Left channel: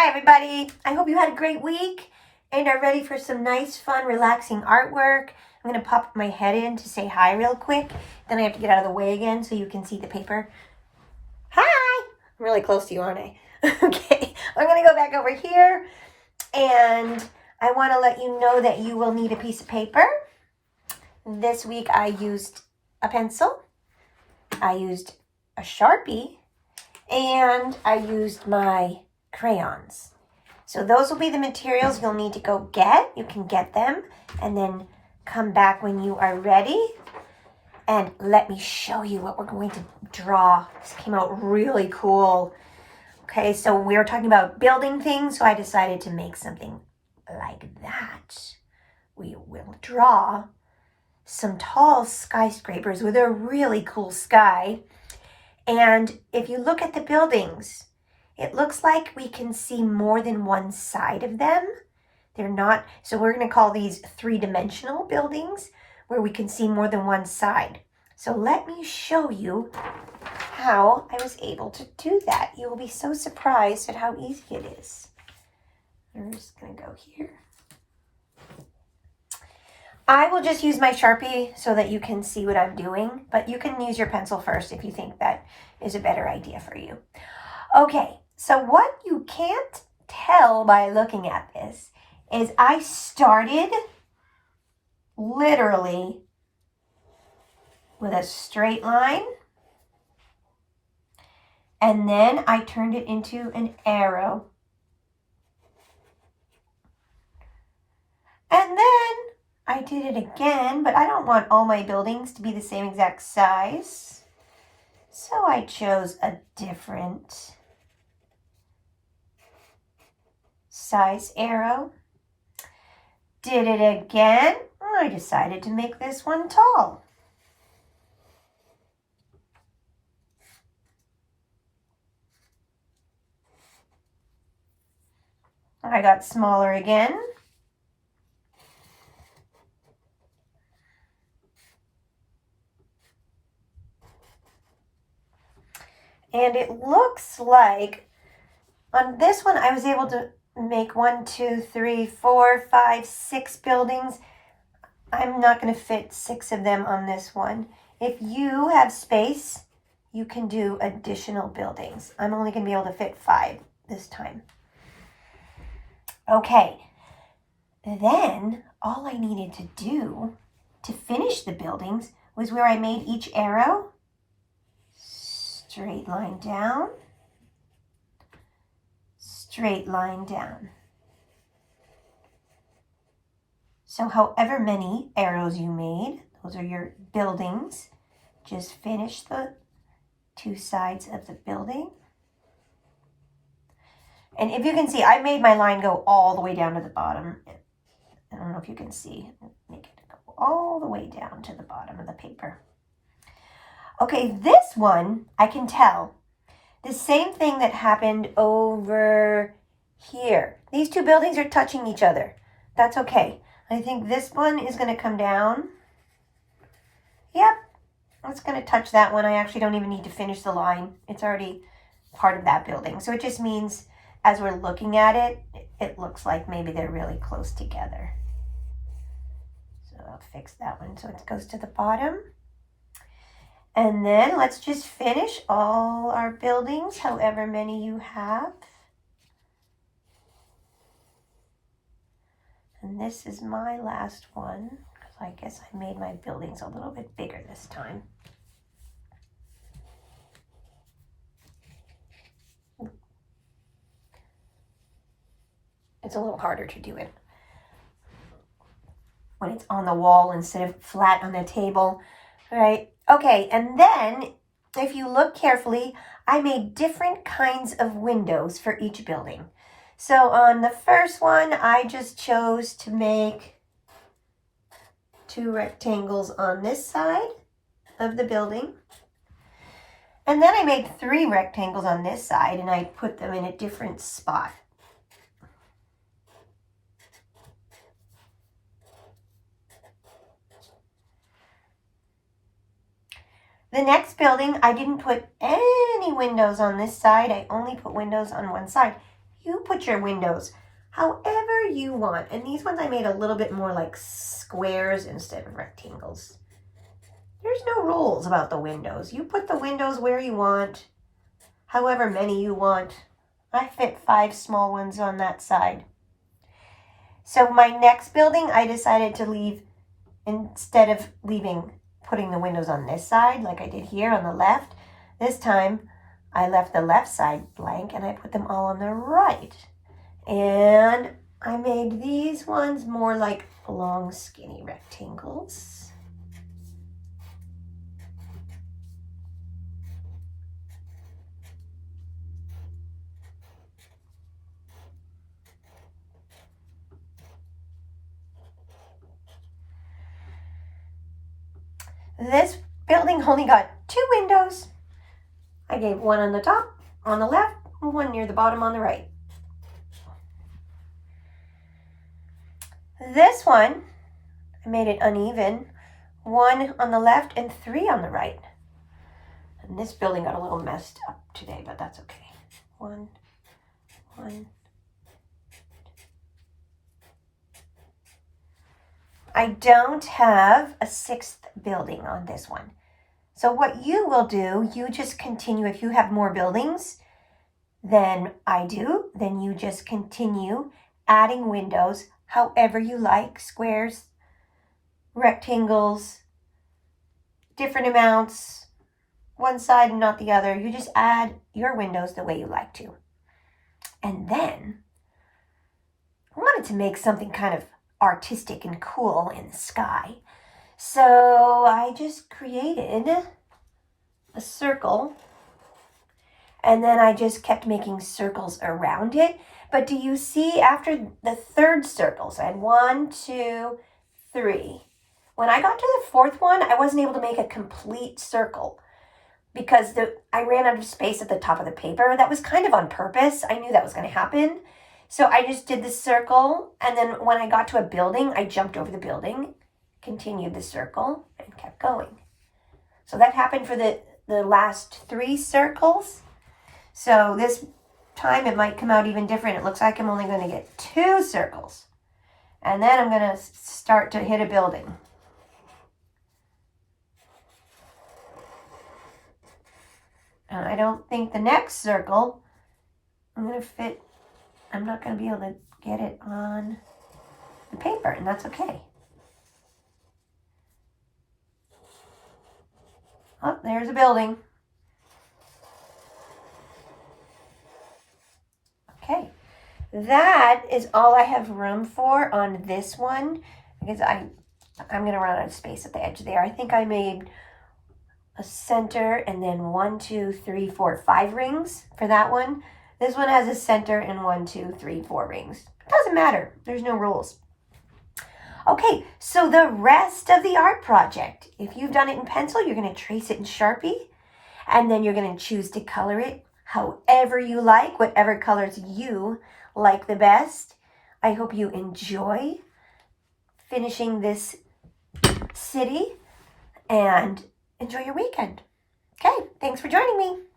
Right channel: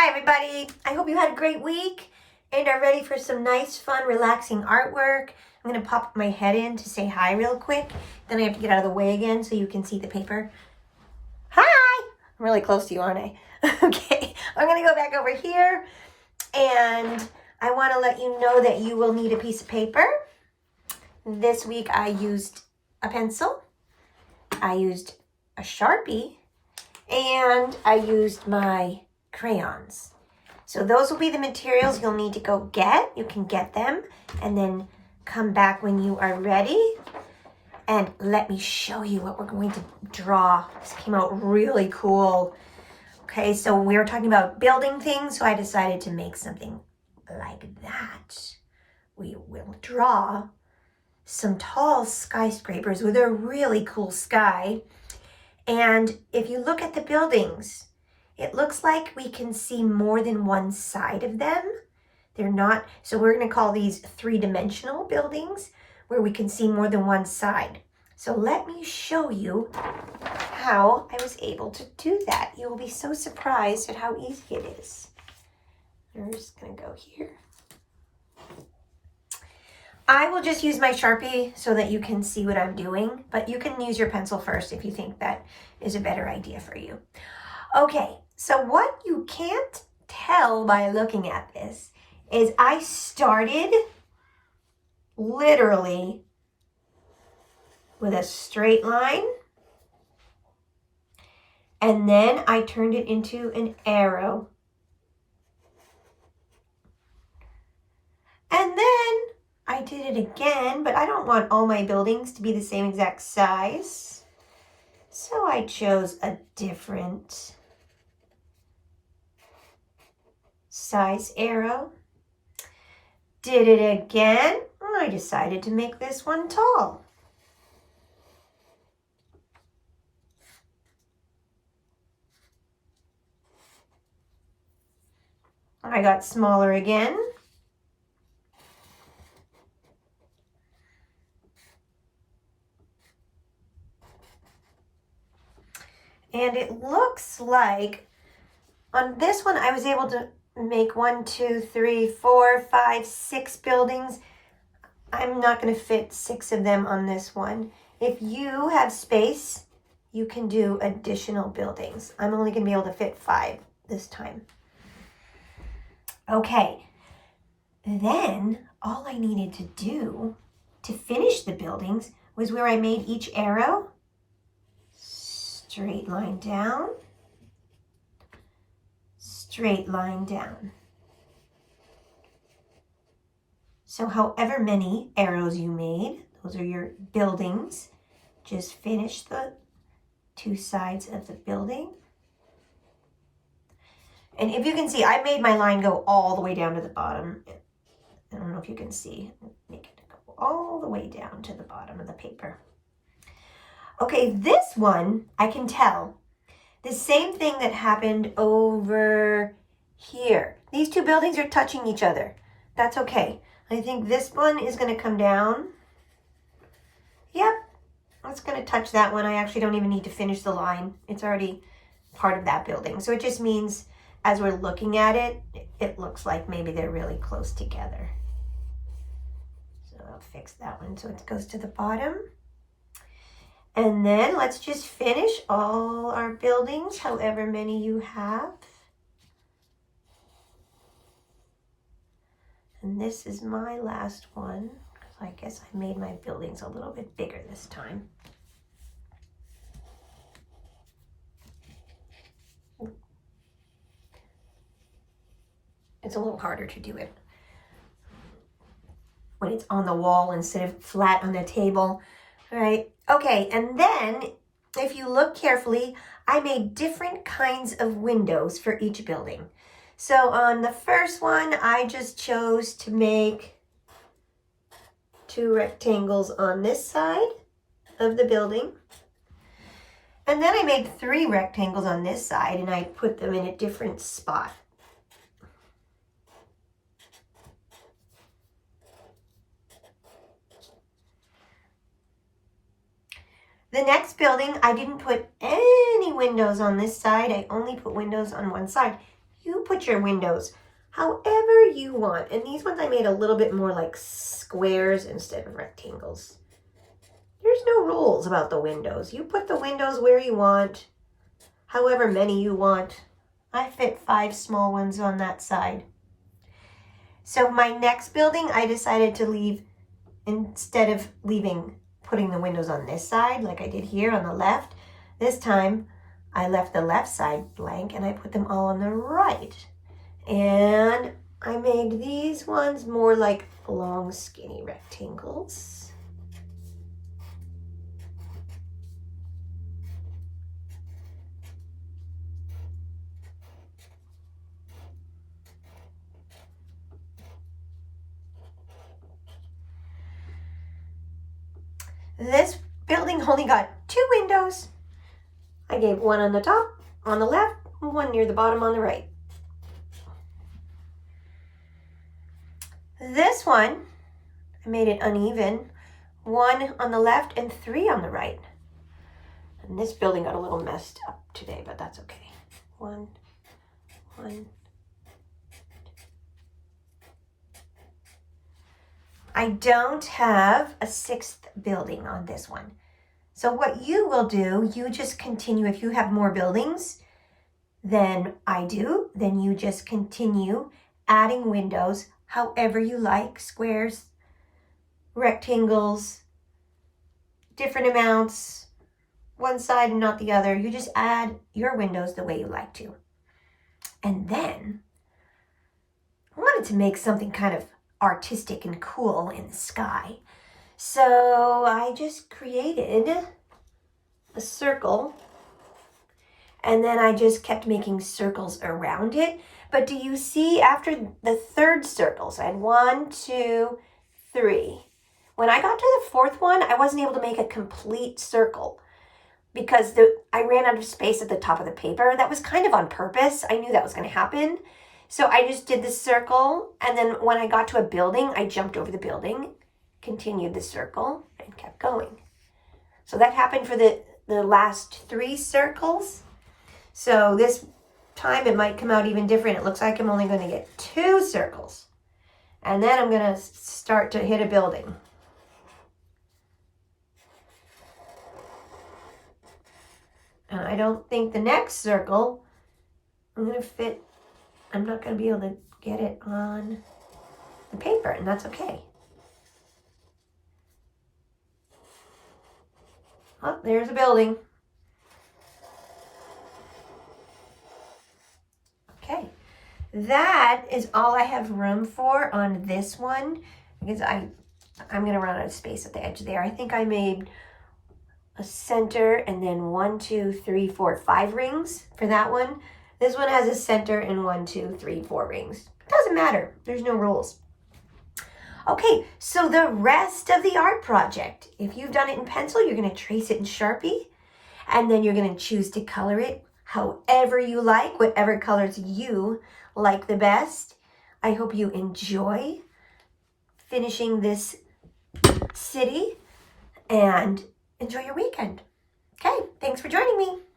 Hi everybody, I hope you had a great week and are ready for some nice, fun, relaxing artwork. I'm going to pop my head in to say hi real quick, then I have to get out of the way again so you can see the paper. Hi! I'm really close to you, aren't I? Okay, I'm going to go back over here and I want to let you know that you will need a piece of paper. This week I used a pencil, I used a Sharpie, and I used my crayons. So those will be the materials you'll need to go get. You can get them and then come back when you are ready. And let me show you what we're going to draw. This came out really cool. Okay, so we were talking about building things, so I decided to make something like that. We will draw some tall skyscrapers with a really cool sky. And if you look at the buildings, it looks like we can see more than one side of them. They're not, so we're going to call these three-dimensional buildings where we can see more than one side. So let me show you how I was able to do that. You will be so surprised at how easy it is. We're just going to go here. I will just use my Sharpie so that you can see what I'm doing, but you can use your pencil first if you think that is a better idea for you. Okay, so what you can't tell by looking at this is I started literally with a straight line, and then I turned it into an arrow. And then I did it again, but I don't want all my buildings to be the same exact size. So I chose a different size arrow. Did it again. I decided to make this one tall. I got smaller again. And it looks like on this one, I was able to make 1, 2, 3, 4, 5, 6 buildings. I'm not going to fit 6 of them on this one. If you have space, you can do additional buildings. I'm only going to be able to fit 5 this time. Okay. Then all I needed to do to finish the buildings was where I made each arrow. Straight line down, straight line down. So however many arrows you made, those are your buildings. Just finish the 2 sides of the building. And if you can see, I made my line go all the way down to the bottom. I don't know if you can see. Make it go all the way down to the bottom of the paper. Okay, this one, I can tell. The same thing that happened over here. These 2 buildings are touching each other. That's okay. I think this one is going to come down. Yep, it's going to touch that one. I actually don't even need to finish the line. It's already part of that building. So it just means as we're looking at it, it looks like maybe they're really close together. So I'll fix that one so it goes to the bottom. And then let's just finish all our buildings, however many you have. And this is my last one. So I guess I made my buildings a little bit bigger this time. It's a little harder to do it when it's on the wall instead of flat on the table, right? Okay, and then if you look carefully, I made different kinds of windows for each building. So on the first one, I just chose to make 2 rectangles on this side of the building. And then I made 3 rectangles on this side and I put them in a different spot. The next building, I didn't put any windows on this side. I only put windows on one side. You put your windows however you want. And these ones I made a little bit more like squares instead of rectangles. There's no rules about the windows. You put the windows where you want, however many you want. I fit 5 small ones on that side. So my next building, I decided to leave, instead of putting the windows on this side like I did here on the left, this time I left the left side blank and I put them all on the right. And I made these ones more like long, skinny rectangles. This building only got 2 windows. I gave one on the top, on the left, and one near the bottom on the right. This one, I made it uneven. 1 on the left and 3 on the right. And this building got a little messed up today, but that's okay. 1. I don't have a 6th building on this one. So what you will do, you just continue. If you have more buildings than I do, then you just continue adding windows however you like, squares, rectangles, different amounts, one side and not the other. You just add your windows the way you like to. And then I wanted to make something kind of artistic and cool in the sky. So I just created a circle, and then I just kept making circles around it. But do you see, after the 3rd circle, so I had 1, 2, 3. When I got to the 4th one, I wasn't able to make a complete circle because I ran out of space at the top of the paper. That was kind of on purpose. I knew that was going to happen. So I just did the circle, and then when I got to a building, I jumped over the building, continued the circle, and kept going. So that happened for the last 3 circles. So this time it might come out even different. It looks like I'm only going to get 2 circles. And then I'm going to start to hit a building. And I don't think the next circle I'm not going to be able to get it on the paper, and that's okay. Oh, there's a building. Okay, that is all I have room for on this one because I'm going to run out of space at the edge there. I think I made a center and then 1, 2, 3, 4, 5 rings for that one. This one has a center and 1, 2, 3, 4 rings. It doesn't matter. There's no rules. Okay, so the rest of the art project, if you've done it in pencil, you're going to trace it in Sharpie, and then you're going to choose to color it however you like, whatever colors you like the best. I hope you enjoy finishing this city and enjoy your weekend. Okay, thanks for joining me.